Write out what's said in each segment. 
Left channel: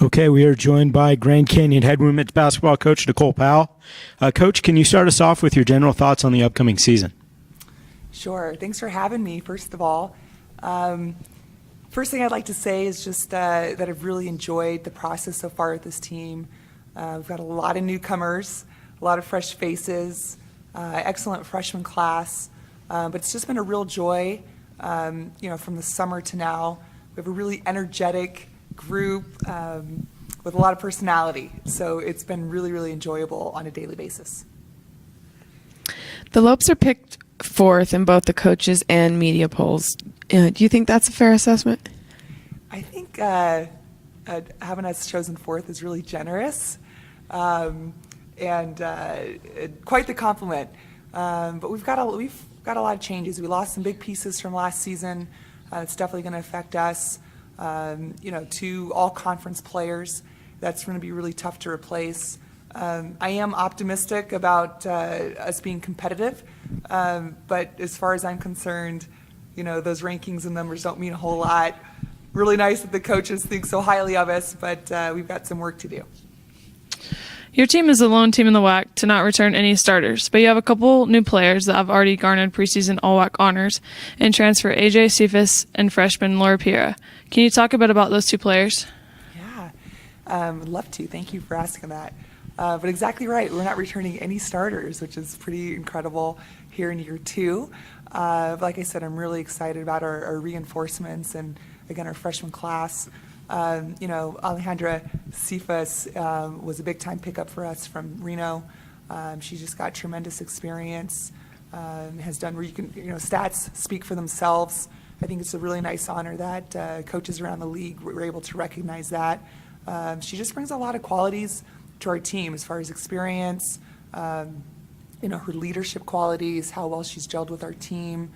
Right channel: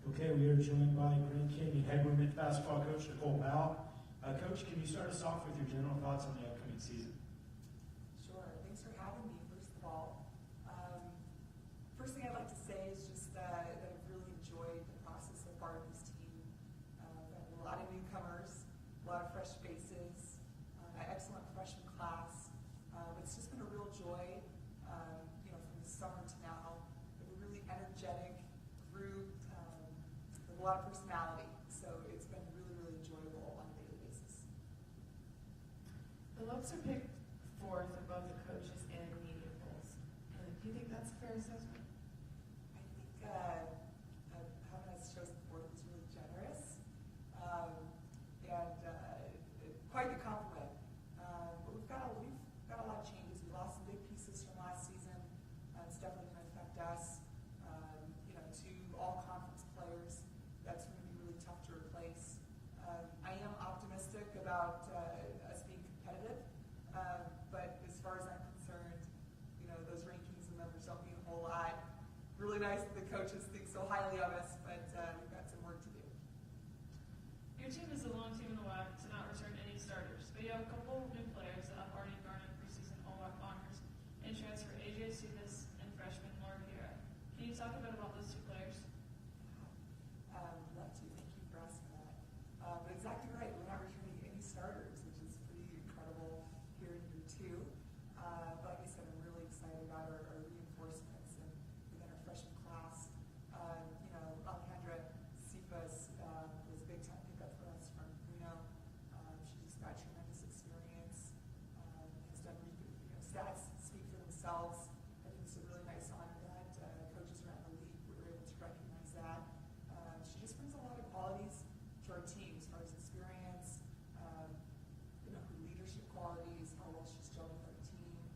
Okay, we are joined by Grand Canyon head women's basketball coach Nicole Powell. Coach, can you start us off with your general thoughts on the upcoming season? Sure. Thanks for having me, first of all. First thing I'd like to say is just that I've really enjoyed the process so far with this team. We've got a lot of newcomers, a lot of fresh faces, excellent freshman class, but it's just been a real joy, from the summer to now. We have a really energetic group with a lot of personality, so it's been really, really enjoyable on a daily basis. The Lopes are picked fourth in both the coaches and media polls. Do you think that's a fair assessment? I think having us chosen fourth is really generous and quite the compliment. But we've got a lot of changes. We lost some big pieces from last season. It's definitely going to affect us. Two all-conference players. That's going to be really tough to replace. I am optimistic about us being competitive, but as far as I'm concerned, those rankings and numbers don't mean a whole lot. Really nice that the coaches think so highly of us, but we've got some work to do. Your team is the lone team in the WAC to not return any starters, but you have a couple new players that have already garnered preseason All-WAC honors in transfer AJ Cephas and freshman Laura Piera. Can you talk a bit about those two players? Yeah, I'd love to. Thank you for asking that. But exactly right. We're not returning any starters, which is pretty incredible here in year two. Like I said, I'm really excited about our reinforcements and, again, our freshman class. Alejandra Cephas was a big-time pickup for us from Reno. She just got tremendous experience, has done, stats speak for themselves. I think it's a really nice honor that coaches around the league were able to recognize that. She just brings a lot of qualities to our team as far as experience, her leadership qualities, how well she's gelled with our team.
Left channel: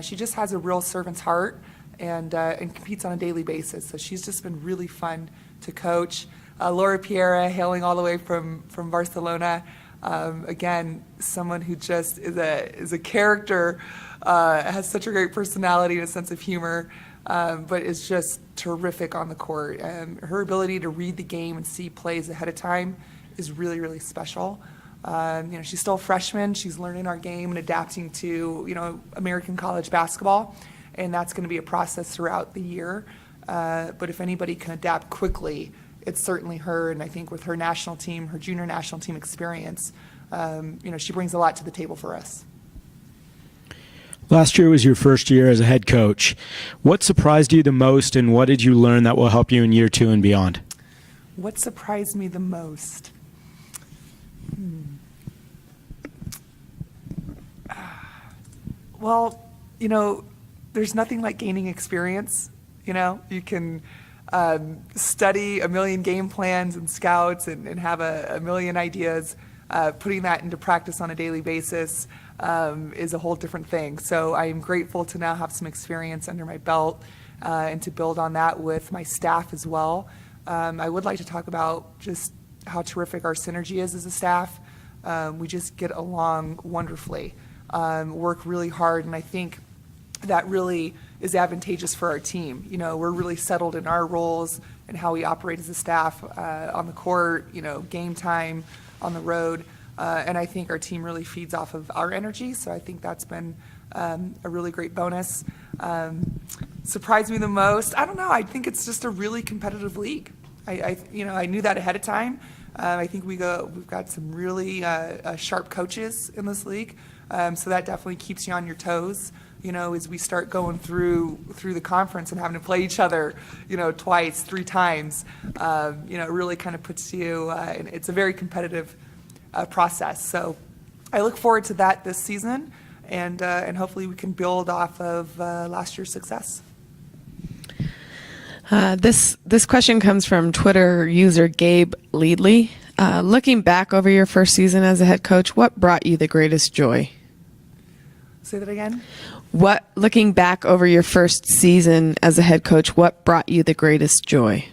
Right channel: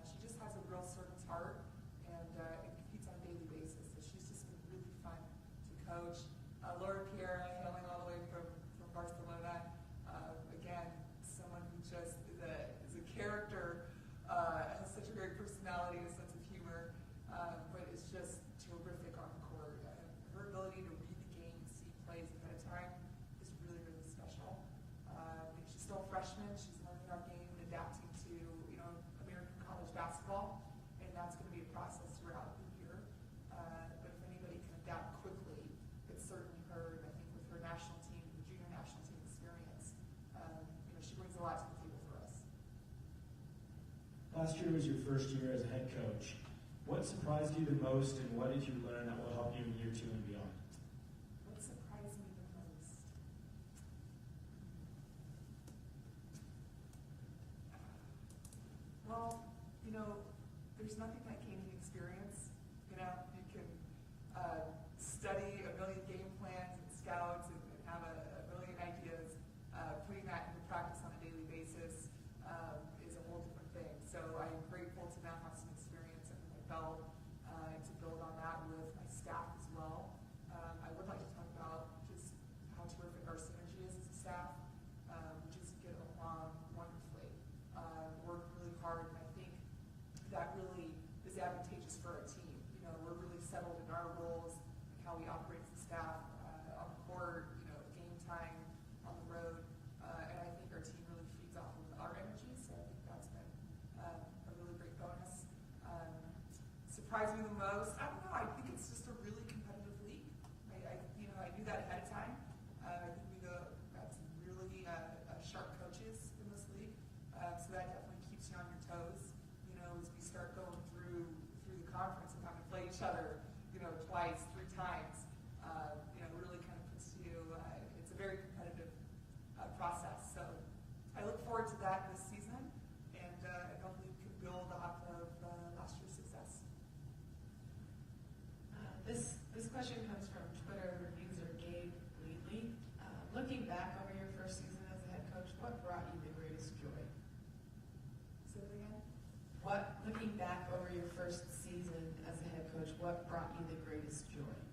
She just has a real servant's heart and competes on a daily basis. So she's just been really fun to coach. Laura Piera, hailing all the way from Barcelona. Again, someone who just is a character, has such a great personality and a sense of humor, but is just terrific on the court. Her ability to read the game and see plays ahead of time is really, really special. She's still a freshman. She's learning our game and adapting to, American college basketball, and that's going to be a process throughout the year. But if anybody can adapt quickly, it's certainly her. And I think with her national team, her junior national team experience, she brings a lot to the table for us. Last year was your first year as a head coach. What surprised you the most, and what did you learn that will help you in year two and beyond? What surprised me the most? Well, there's nothing like gaining experience. You can study a million game plans and scouts and have a million ideas. Putting that into practice on a daily basis is a whole different thing. So I am grateful to now have some experience under my belt and to build on that with my staff as well. I would like to talk about just how terrific our synergy is as a staff. We just get along wonderfully, work really hard, and I think that really is advantageous for our team. We're really settled in our roles and how we operate as a staff on the court, game time, on the road, and I think our team really feeds off of our energy, so I think that's been a really great bonus. Surprised me the most? I don't know. I think it's just a really competitive league. I knew that ahead of time. I think we've got some really sharp coaches in this league, so that definitely keeps you on your toes. As we start going through the conference and having to play each other, twice, 3 times, it really kind of puts you, and it's a very competitive process. So I look forward to that this season, and hopefully we can build off of last year's success. This question comes from Twitter user Gabe Leadley. Looking back over your first season as a head coach, what brought you the greatest joy? Say that again? Looking back over your first season as a head coach, what brought you the greatest joy?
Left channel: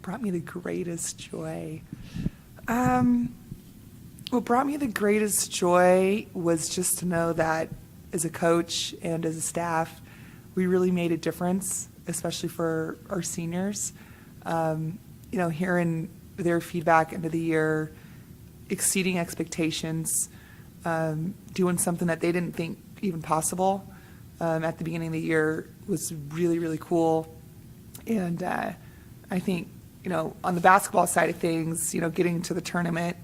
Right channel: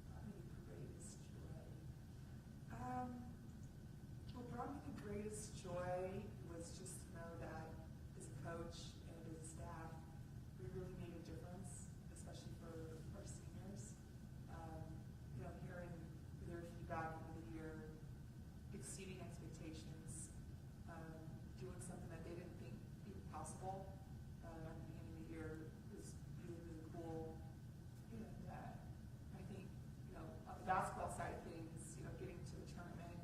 Brought me the greatest joy. What brought me the greatest joy was just to know that as a coach and as a staff, we really made a difference, especially for our seniors. Hearing their feedback into the year, exceeding expectations, doing something that they didn't think even possible at the beginning of the year was really, really cool. And I think, on the basketball side of things, getting to the tournament,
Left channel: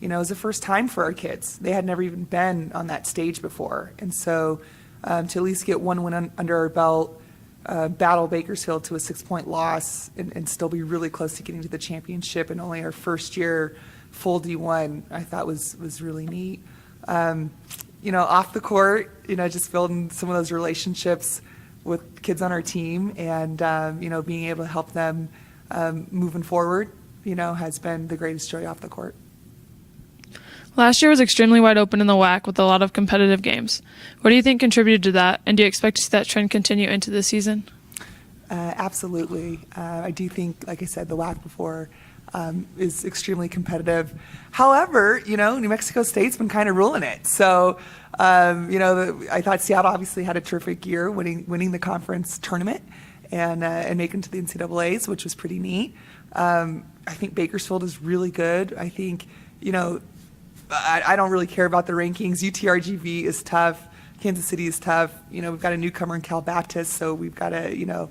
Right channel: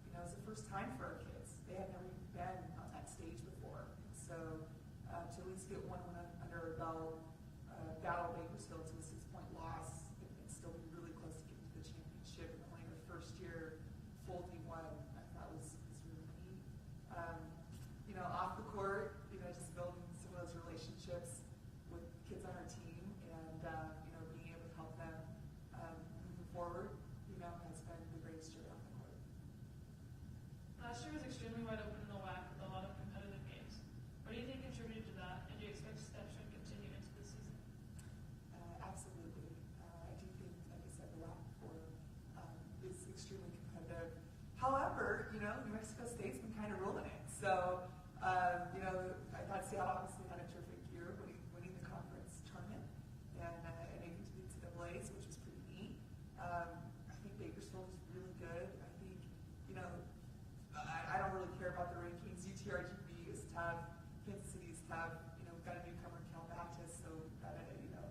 was the first time for our kids. They had never even been on that stage before. And so to at least get one win under our belt, battle Bakersfield to a 6-point loss and still be really close to getting to the championship and only our first year full D1, I thought was really neat. Off the court, just building some of those relationships with kids on our team and, being able to help them moving forward, has been the greatest joy off the court. Last year was extremely wide open in the WAC with a lot of competitive games. What do you think contributed to that, and do you expect to see that trend continue into this season? Absolutely. I do think, like I said, the WAC before is extremely competitive. However, New Mexico State's been kind of ruling it. So, I thought Seattle obviously had a terrific year winning the conference tournament and making to the NCAAs, which was pretty neat. I think Bakersfield is really good. I think, I don't really care about the rankings. UTRGV is tough. Kansas City is tough. We've got a newcomer in Cal Baptist, so we've got to,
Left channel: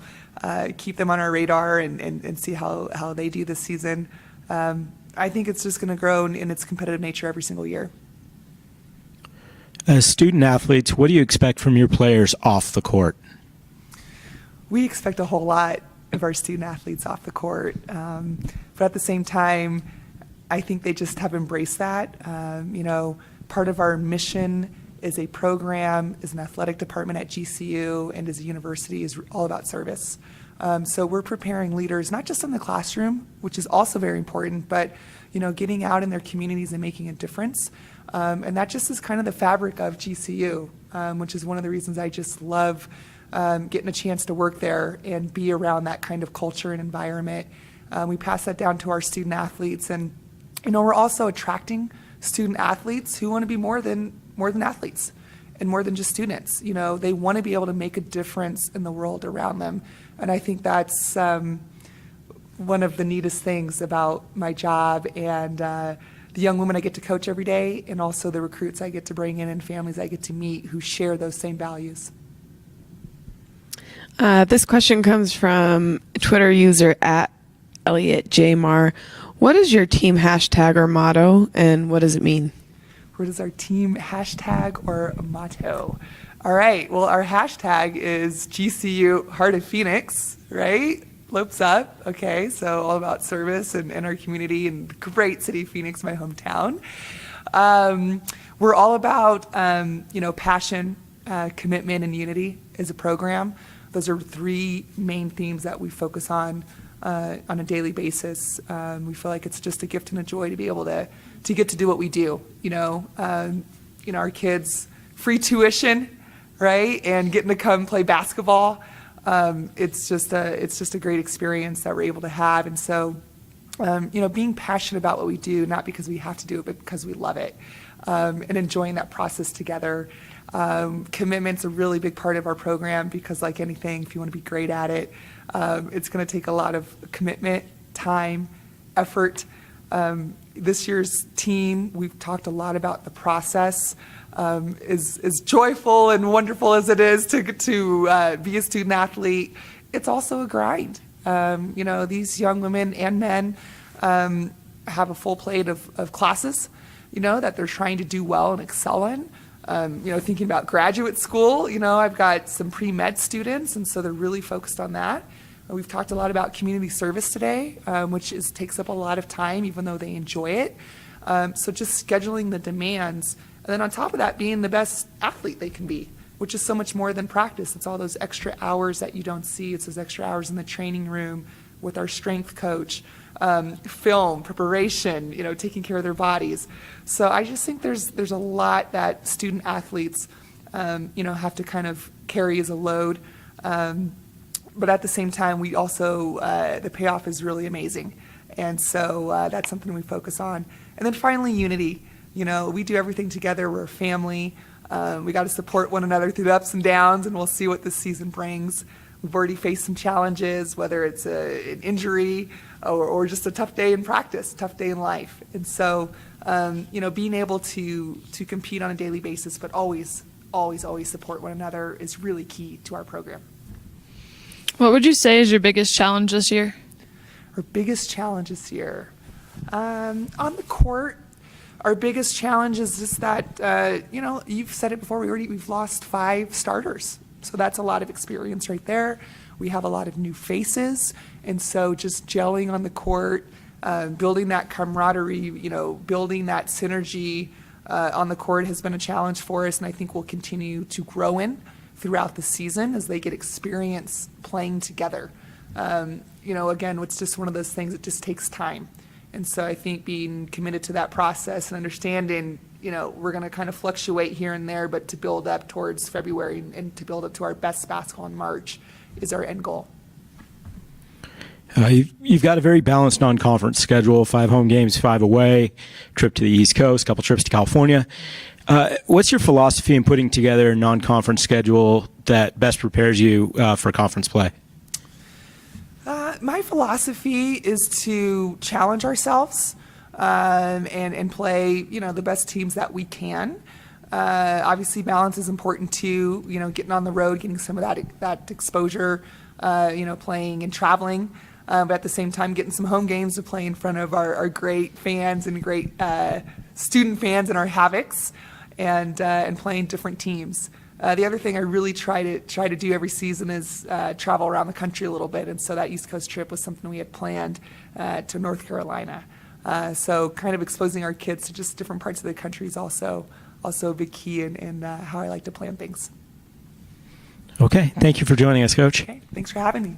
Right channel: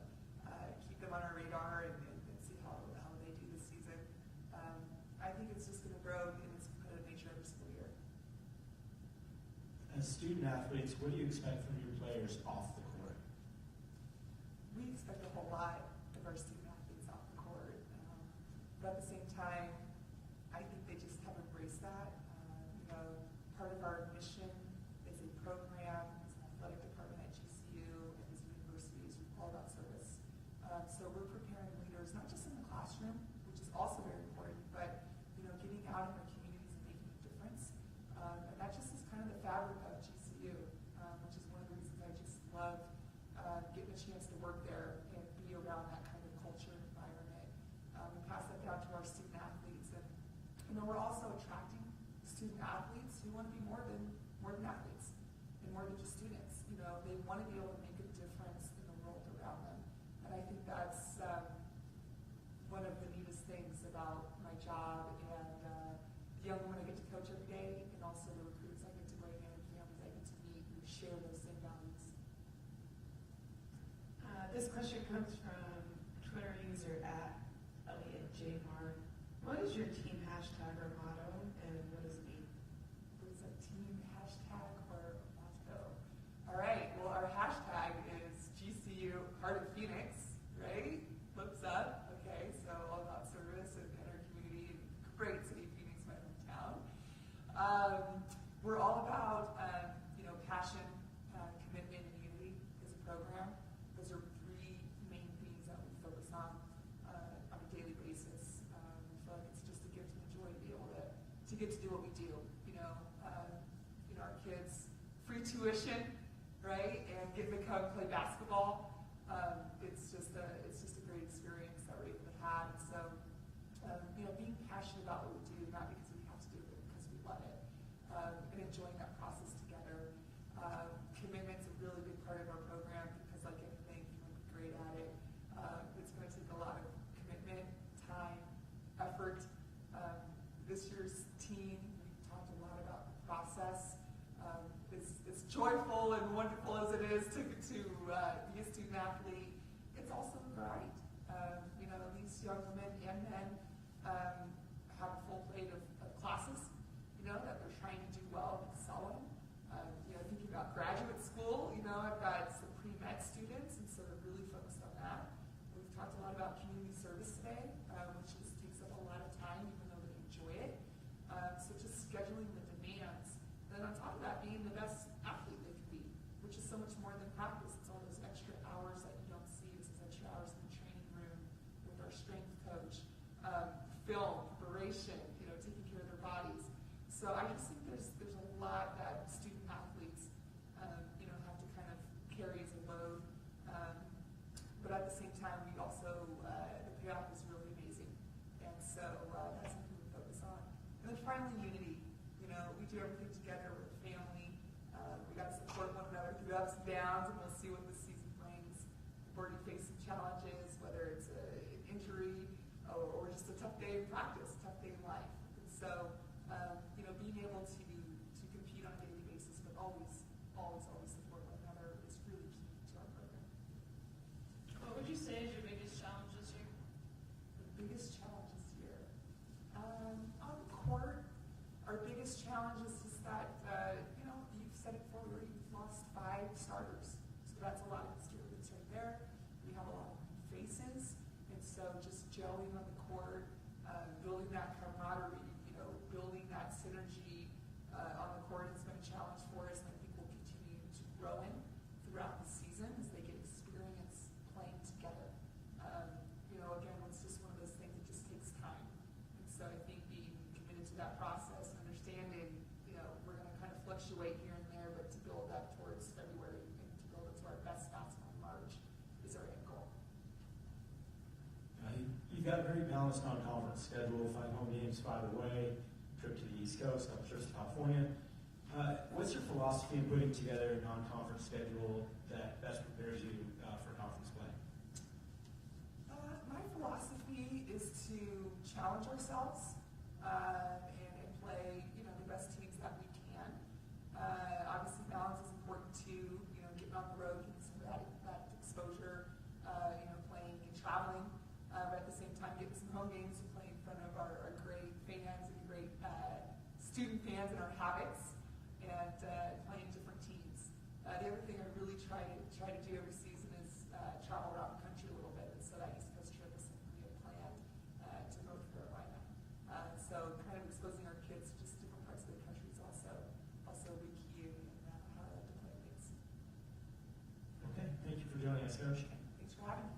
keep them on our radar and see how they do this season. I think it's just going to grow in its competitive nature every single year. As student athletes, what do you expect from your players off the court? We expect a whole lot of our student athletes off the court. But at the same time, I think they just have embraced that. Part of our mission as a program, as an athletic department at GCU, and as a university is all about service. So we're preparing leaders, not just in the classroom, which is also very important, but getting out in their communities and making a difference. And that just is kind of the fabric of GCU, which is one of the reasons I just love getting a chance to work there and be around that kind of culture and environment. We pass that down to our student athletes, and we're also attracting student athletes who want to be more than athletes and more than just students. They want to be able to make a difference in the world around them. And I think that's one of the neatest things about my job and the young women I get to coach every day, and also the recruits I get to bring in and families I get to meet who share those same values. This question comes from Twitter user at Elliot J. Marr. What is your team hashtag or motto, and what does it mean? What is our team hashtag or motto? All right, well, our hashtag is GCU Heart of Phoenix, right? Lopes up, okay, so all about service and our community and the great city of Phoenix, my hometown. We're all about, passion, commitment, and unity as a program. Those are 3 main themes that we focus on a daily basis. We feel like it's just a gift and a joy to be able to get to do what we do. Our kids, free tuition, right, and getting to come play basketball. It's just a great experience that we're able to have. And so, being passionate about what we do, not because we have to do it, but because we love it, and enjoying that process together. Commitment's a really big part of our program because, like anything, if you want to be great at it, it's going to take a lot of commitment, time, effort. This year's team, we've talked a lot about the process. As joyful and wonderful as it is to be a student athlete, it's also a grind. These young women and men have a full plate of classes, that they're trying to do well and excel in. Thinking about graduate school, I've got some pre-med students, and so they're really focused on that. We've talked a lot about community service today, which takes up a lot of time, even though they enjoy it. So just scheduling the demands, and then on top of that, being the best athlete they can be, which is so much more than practice. It's all those extra hours that you don't see. It's those extra hours in the training room with our strength coach, film, preparation, taking care of their bodies. So I just think there's a lot that student athletes, have to kind of carry as a load. But at the same time, we also, the payoff is really amazing. And so that's something we focus on. And then finally, unity. We do everything together. We're a family. We got to support one another through the ups and downs, and we'll see what this season brings. We've already faced some challenges, whether it's an injury or just a tough day in practice, tough day in life. And so, being able to compete on a daily basis, but always support one another is really key to our program. What would you say is your biggest challenge this year? Our biggest challenge this year. On the court, our biggest challenge is just that, you've said it before, we've lost 5 starters. So that's a lot of experience right there. We have a lot of new faces. And so just gelling on the court, building that camaraderie, building that synergy on the court has been a challenge for us. And I think we'll continue to grow in throughout the season as they get experience playing together. Again, it's just one of those things that just takes time. And so I think being committed to that process and understanding, we're going to kind of fluctuate here and there, but to build up towards February and to build up to our best basketball in March is our end goal. You've got a very balanced non-conference schedule, 5 home games, 5 away, trip to the East Coast, couple trips to California. What's your philosophy in putting together a non-conference schedule that best prepares you for conference play? My philosophy is to challenge ourselves and play, the best teams that we can. Obviously, balance is important too. Getting on the road, getting some of that exposure, playing and traveling, but at the same time, getting some home games to play in front of our great fans and great student fans and our Havocs, and playing different teams. The other thing I really try to do every season is travel around the country a little bit, and so that East Coast trip was something we had planned to North Carolina. So kind of exposing our kids to just different parts of the country is also a big key in how I like to plan things. Okay, thank you for joining us, Coach. Okay, thanks for having me.